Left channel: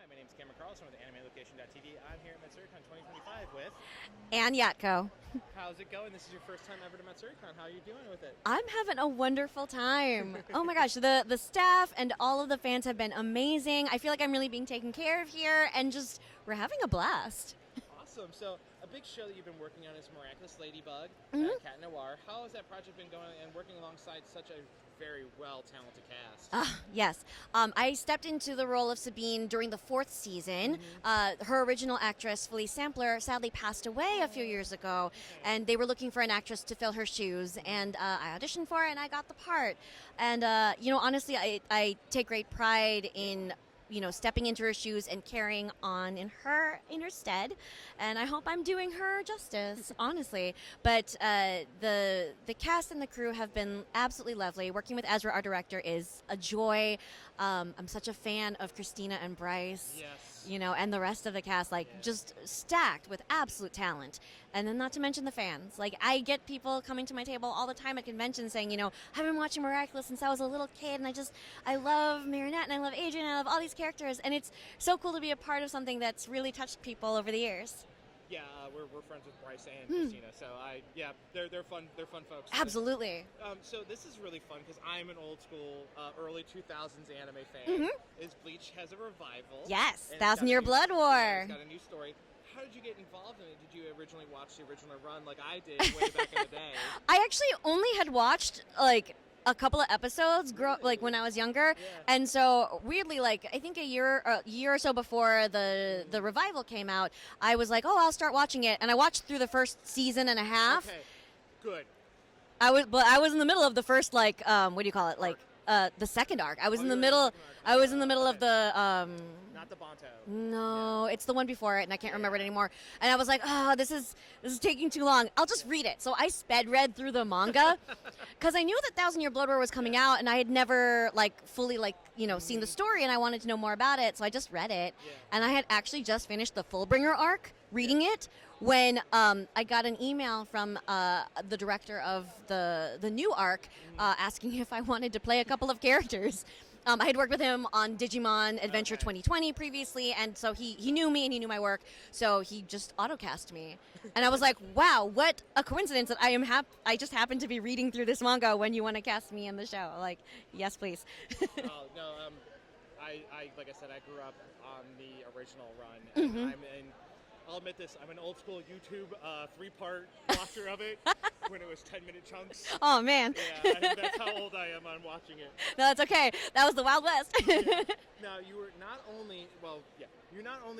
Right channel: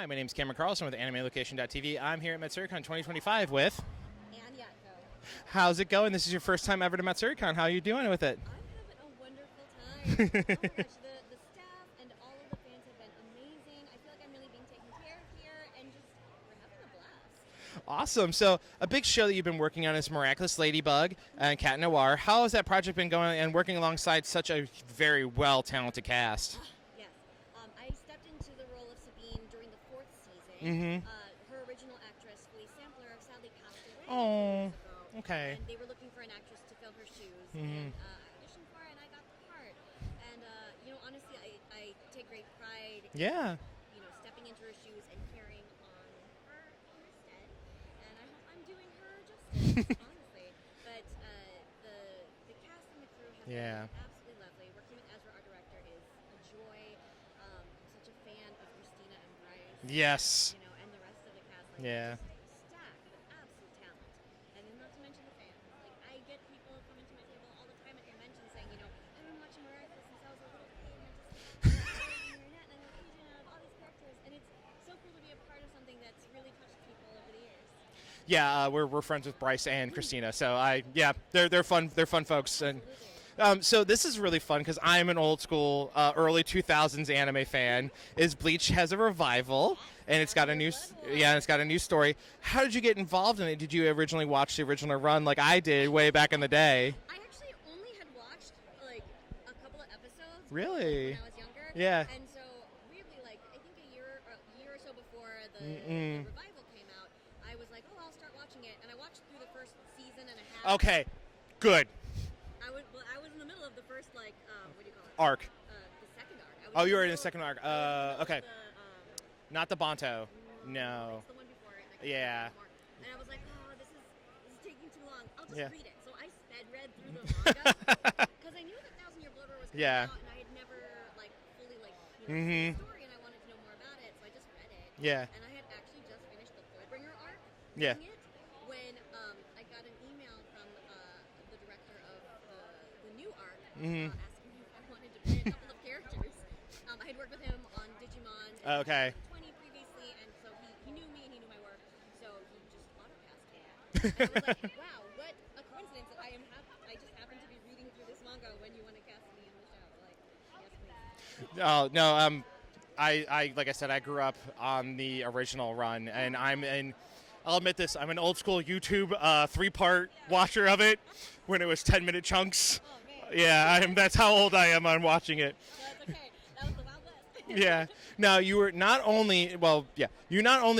Hi, my name is Cameron Carlson with AnimeLocation.tv. I'm here at Matsuricon 2025 with... And Yatco. How's it going? This is your first time ever to Matsuricon. How are you doing with it? I'm having a wonderful time. Oh my gosh, the staff and all of the fans have been amazing. I feel like I'm really being taken care of here, and just we're having a blast. Awesome. So a big show that you've been working on is Miraculous Ladybug and Cat Noir. How has that project been going and working alongside such a very well-talented cast? Yes. I stepped into the role of Sabine during the 4th season. Her original actress, Felice Sampler, sadly passed away a few years ago. Okay. And they were looking for an actress to fill her shoes. And I auditioned for it, and I got the part. And, honestly, I take great pride in... stepping into her shoes and carrying on in her stead, and I hope I'm doing her justice, honestly. But the cast and the crew have been absolutely lovely. Working with Ezra, our director, is a joy. I'm such a fan of Christina and Bryce. Yes. And the rest of the cast, just stacked with absolute talent. And then not to mention the fans. I get people coming to my table all the time at conventions saying, I've been watching Miraculous since I was a little kid, and I love Marinette, and I love Adrian, and I love all these characters, and it's so cool to be a part of something that's really touched people over the years. Yeah, we're friends with Bryce and Christina, so they're fun folks. Absolutely. And, so this is really fun because I'm an old school, early 2000s anime fan. Is Bleach has a revival? Yes, and it's got Thousand a Year new Blood War. Yeah, and it's got a new story. How did you get involved in it? Did you originally watch the original run like I did way back in the day? I actually only had watched a couple of episodes when I was younger. Yeah. And so weirdly, I think a year or so before the revival came out, I was like, I'll start watching it, and I watched through the first season and a half. Okay. Good. I was in the middle of the first what do you call it? Arc. The second arc. I was in you the were middle. in the second arc. I was in the middle okay. of the Not the Bonto. No, it's the one before it, and I can't remember it anymore. And I was like, this is taking too long. I'll just read it. So I sped read through the manga because I knew that Thousand Year Blood War was coming out, and I had never fully seen the story, and I wanted to know more about it. So I just read it. Yeah. And I had actually just finished the Fullbringer arc reading it when I got an email from the director of the new arc asking if I wanted to play a couple of characters. I had worked with him on Digimon Adventure 2020 previously, and so he knew me and he knew my work, so he just autocast me. And I was like, wow, what a coincidence that I just happened to be reading through this manga when you want to cast me in the show. Yes, please. Oh, no, I like I said, I grew up on the original run, and I'll admit this, I'm an old school YouTube 3-part watcher of it when it was 10-minute chunks. Oh, man. Yeah, that's how old I am on watching it. No, that's okay. That was the Wild West. Yeah. Now, you were not only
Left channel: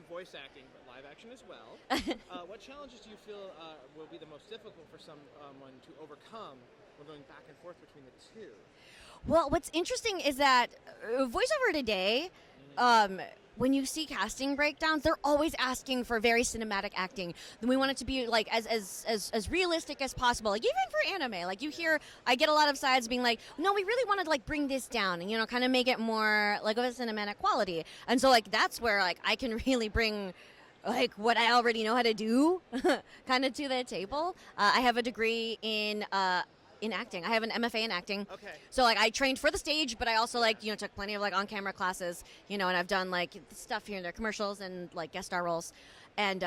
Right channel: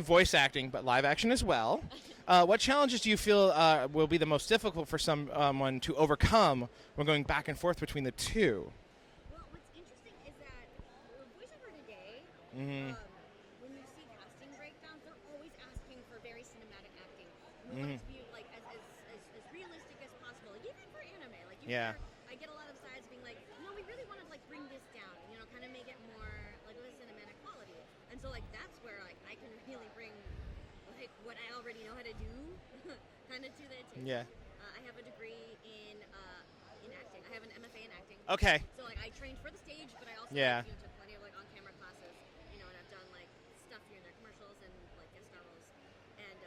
voice acting, but live action as well. What challenges do you feel will be the most difficult for someone to overcome when going back and forth between the two? Well, what's interesting is that voiceover today, when you see casting breakdowns, they're always asking for very cinematic acting. Then we want it to be as realistic as possible. Even for anime, hear, I get a lot of sides being like, no, we really wanted to bring this down and kind of make it more of a cinematic quality. And so that's where I can really bring what I already know how to do kind of to the table. I have a degree in acting. I have an MFA in acting. Okay. So I trained for the stage, but I also took plenty of on-camera classes, and I've done stuff here and there, commercials and guest star roles. And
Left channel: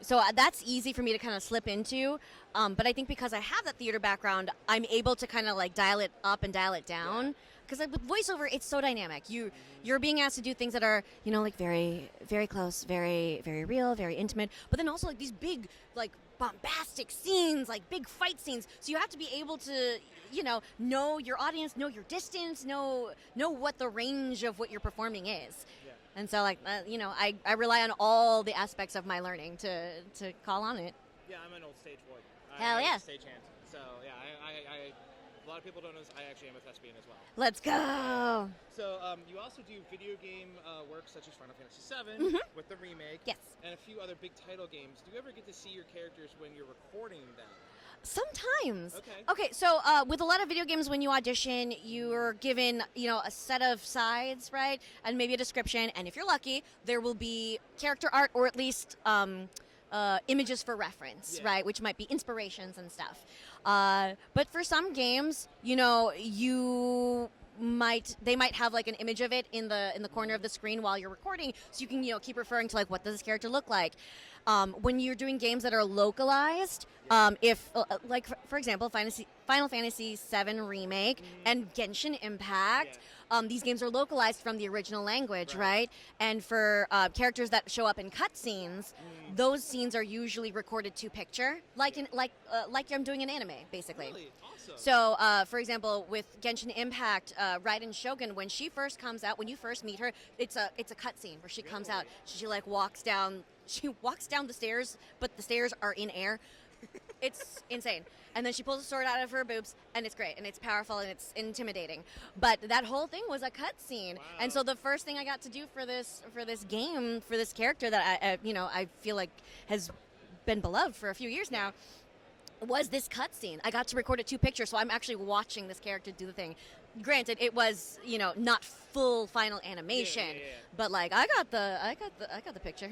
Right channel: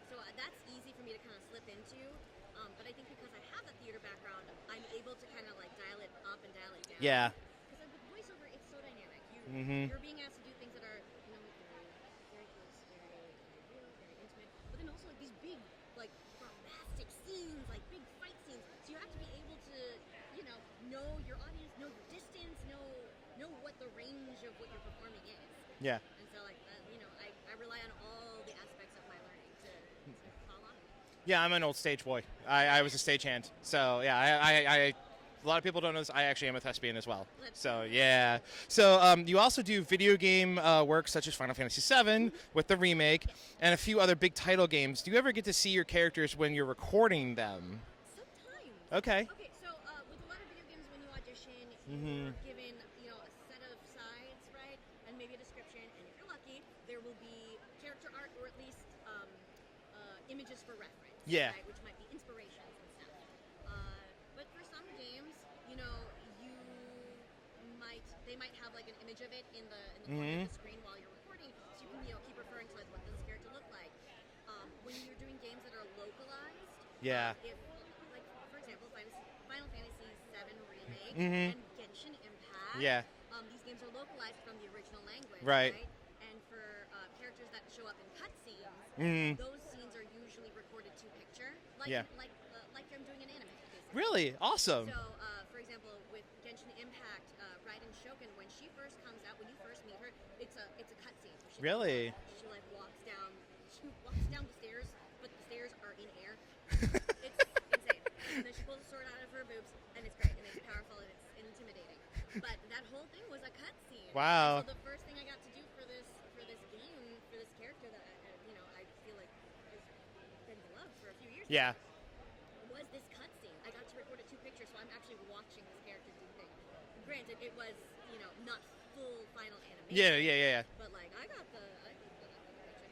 so that's easy for me to kind of slip into. But I think because I have that theater background, I'm able to kind of dial it up and dial it down. Yeah. Because with voiceover, it's so dynamic. You're being asked to do things that are, very, very close, very, very real, very intimate. But then also these big, bombastic scenes, big fight scenes. So you have to be able to, know your audience, know your distance, know what the range of what you're performing is. Yeah. And so, I rely on all the aspects of my learning to call on it. Yeah, I'm an old stage boy. I was a stagehand. So, yeah, a lot of people don't know this. I actually am a thespian as well. Let's go. Yeah. So you also do video game work such as Final Fantasy VII with the remake and a few other big title games. Do you ever get to see your characters when you're recording them? Sometimes. Okay. Okay, so with a lot of video games, when you audition, you're given, a set of sides, right? And maybe a description. And if you're lucky, there will be character art or at least images for reference, right? Which might be inspirations and stuff. But for some games, you they might have like an image of it in the corner of the screen while you're recording, so you can keep referring to like what does this character look like. When you're doing games that are localized, if like for example, Final Fantasy VII Remake and Genshin Impact, these games are localized from the original language, right? And for characters that show up in cutscenes, those scenes are usually recorded to picture, like I'm doing an anime, basically. Really awesome. So, for example, with Genshin Impact, Raiden Shogun, when she first comes out, when you first meet her, it's a cutscene where she comes out. She like walks down. She walks down the stairs, but the stairs are in air. It's insane. And then she pulls a sword out of her boobs, and it's great, and it's powerful, and it's intimidating. But that whole thing was a cutscene. Wow. And so the first thing I got to do for this game, for this character that I feel like has been beloved for a few years now, was this cutscene. I got to record it to picture, so I'm actually watching this character do the thing. Granted, it was not full final animation. Yeah. But like I got the picture.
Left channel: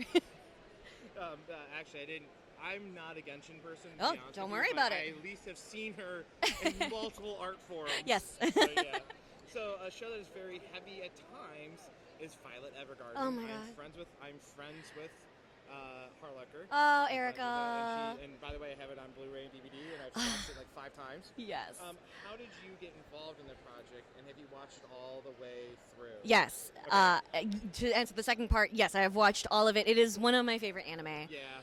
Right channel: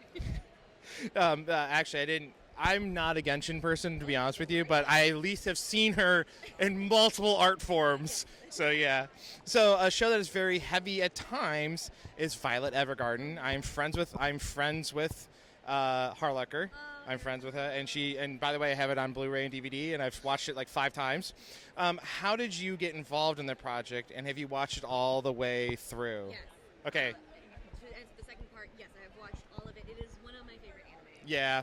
Actually, I'm not a Genshin person, to be honest with you, but about it. I at least have seen her in multiple art forms. Yes. So, yeah. So, a show that is very heavy at times is Violet Evergarden. Oh, I'm friends with Harlecker. Oh, I'm friends with her, and by the way, I have it on Blu-ray and DVD, and I've watched it like 5 times. Yes. How did you get involved in the project, and have you watched it all the way through? Yes. Okay. To answer the second part, yes, I have watched all of it. It is one of my favorite anime. Yeah.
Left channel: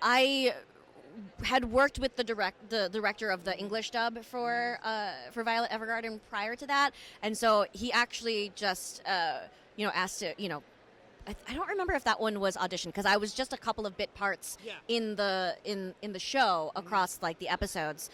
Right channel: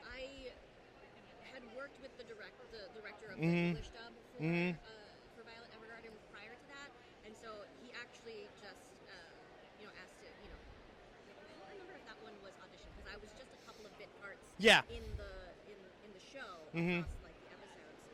I had worked with the director of the English dub for Violet Evergarden prior to that, and so he actually just asked to I don't remember if that one was auditioned because I was just a couple of bit parts in the show across like the episodes.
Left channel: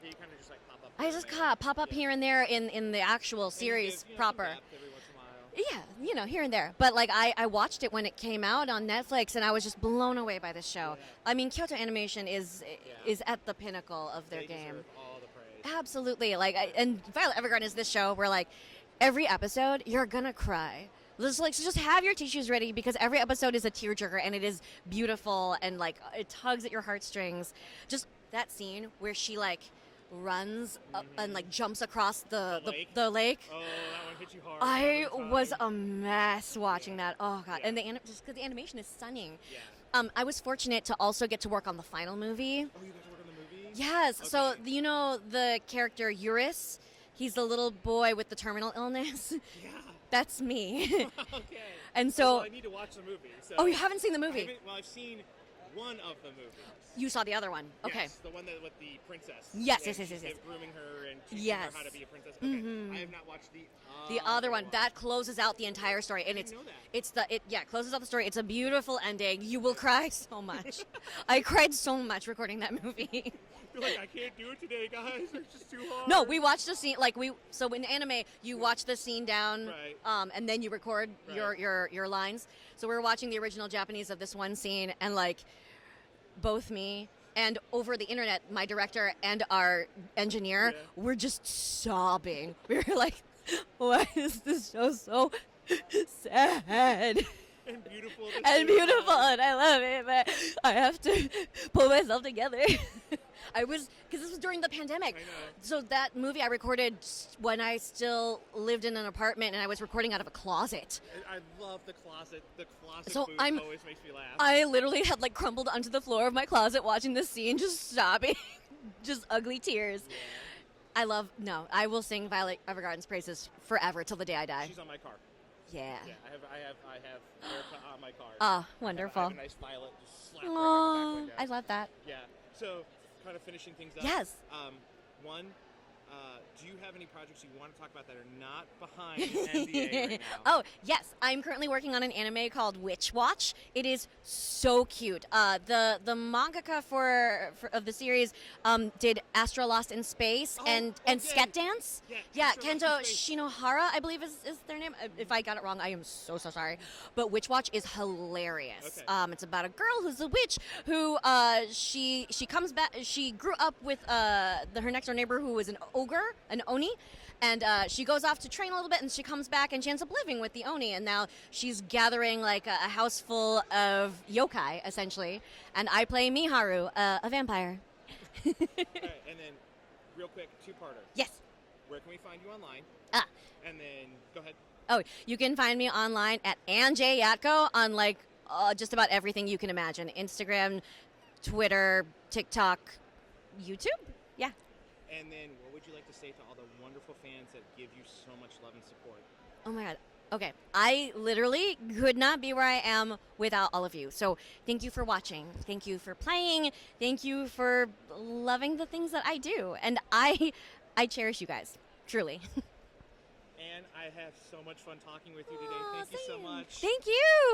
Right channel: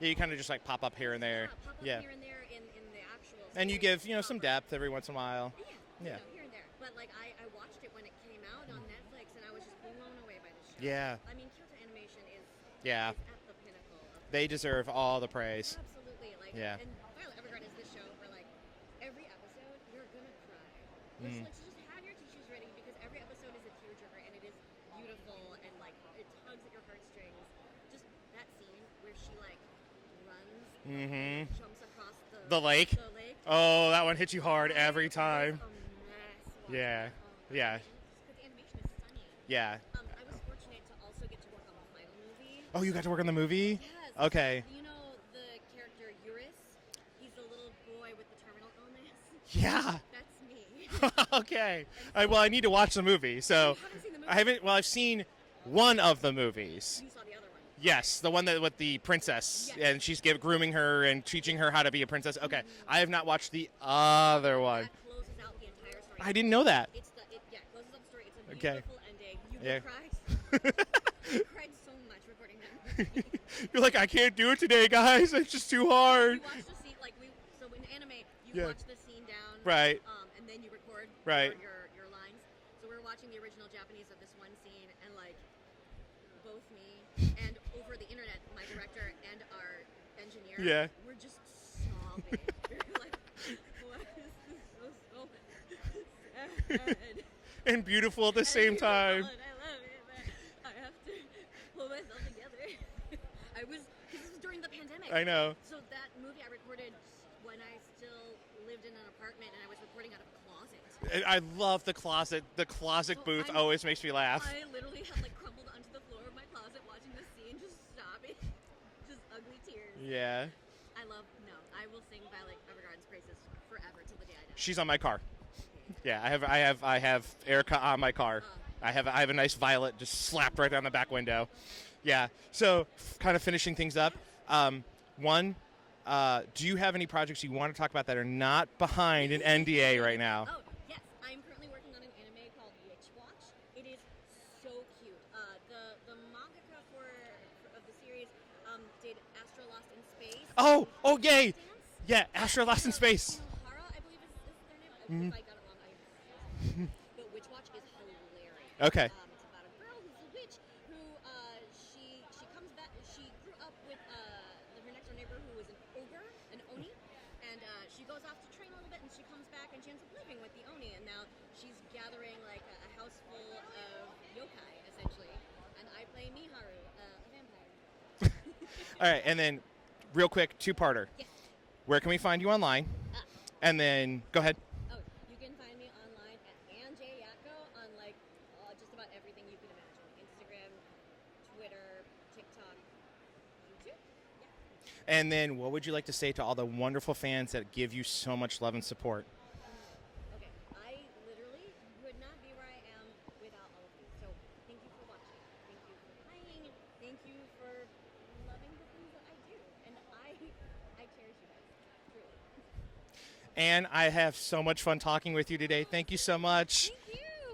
Yeah, you kind of just like pop up here and there. Pop up here and there in the actual series. And you give proper. some depth every once in a while. Yeah, here and there. But like I watched it when it came out on Netflix, and I was just blown away by this show. Yeah. I mean, Kyoto Animation is at the pinnacle of their They game. deserve all the praise. Absolutely. And Violet Evergarden is this show where like every episode you're gonna cry. So just have your tissues ready because every episode is a tearjerker and it is beautiful and like it tugs at your heartstrings. Just that scene where she like runs up and like jumps across the lake. The lake. Oh, that one hits you hard every time. I was a mess watching that. Oh god! Yeah. And just because the animation is stunning. Yeah. I was fortunate to also get to work on the final movie. Oh, you got to work on the movie? Yes. Okay. So the character Eurus. He's the little boy with the terminal illness. Yeah. That's me. Okay. And so, well, I need to watch the movie. So you haven't seen the movie? I haven't. Well, I've seen one of the movies. You saw the other one. Yes, the one that with the princess. Yes. And she's grooming her and teaching her how to be a princess. Okay. I have not watched the The other other one. That closes out the entire story. I didn't know that. It closes out the story. It's a beautiful ending. You will cry so much. I cried so much recording that movie. You're like, I can't do it today, guys. It's just too hard. No, we watched the scene. So in anime, you watch the scene down, right? And then you record your lines. So we were watching the original Japanese of this one scene, and like. Both me and over the internet, my director and our engineer were just sobbing. We were like, why is this show so sad? And beautiful at the and same beautiful, time. and I love it, but I have to pull myself together. Because this was during the pandemic. I know. So that movie I recorded when I still lived in an apartment, and I was recording out of a closet. I love the closet. The closet booth always makes me laugh. I literally had like crumbled onto the floor of my closet watching this scene, just sobbing, just ugly tears. Yeah. I will sing Violet Evergarden's praises forever till the day I die. She's on my car. Yeah. Yeah, I have Erica on my car. Oh, I have a nice Violet just slapped right down the back window. I love that. Yeah. So, kind of finishing things up. Yes. One, do you have any projects you want to talk about that are not behind an NDA right now? Oh, yes. I'm currently working on an anime called Witch Watch. It is so cute. The mangaka of the series did Astra Lost in Space and Set Dance. Yeah, Astra Lost in Space. Shinohara, I believe is their name. If I got it wrong, I am so sorry. But Witch Watch is hilarious. Okay. It's about a girl who's a witch who she comes back. She grew up with her next door neighbor who was an ogre, an oni. And she goes off to train a little bit, and she comes back, and she ends up living with the Oni. And now she's gathering like a house full of yokai, essentially. And I play Miharu, a vampire. All right, and then real quick, two-parter. Yes. where can we find you online? And then, go ahead. Oh, you can find me online at Yatco on just about everything you can imagine. Instagram, Twitter, TikTok, YouTube. Yeah. And then what would you like to say to all the wonderful fans that give you so much love and support? Oh my God. Okay. I literally could not be where I am without all of you. So thank you for watching. Thank you for playing. Thank you for loving the things that I do. And I cherish you guys. Truly. And I have so much fun talking with you today. Thank you so much. Thank you.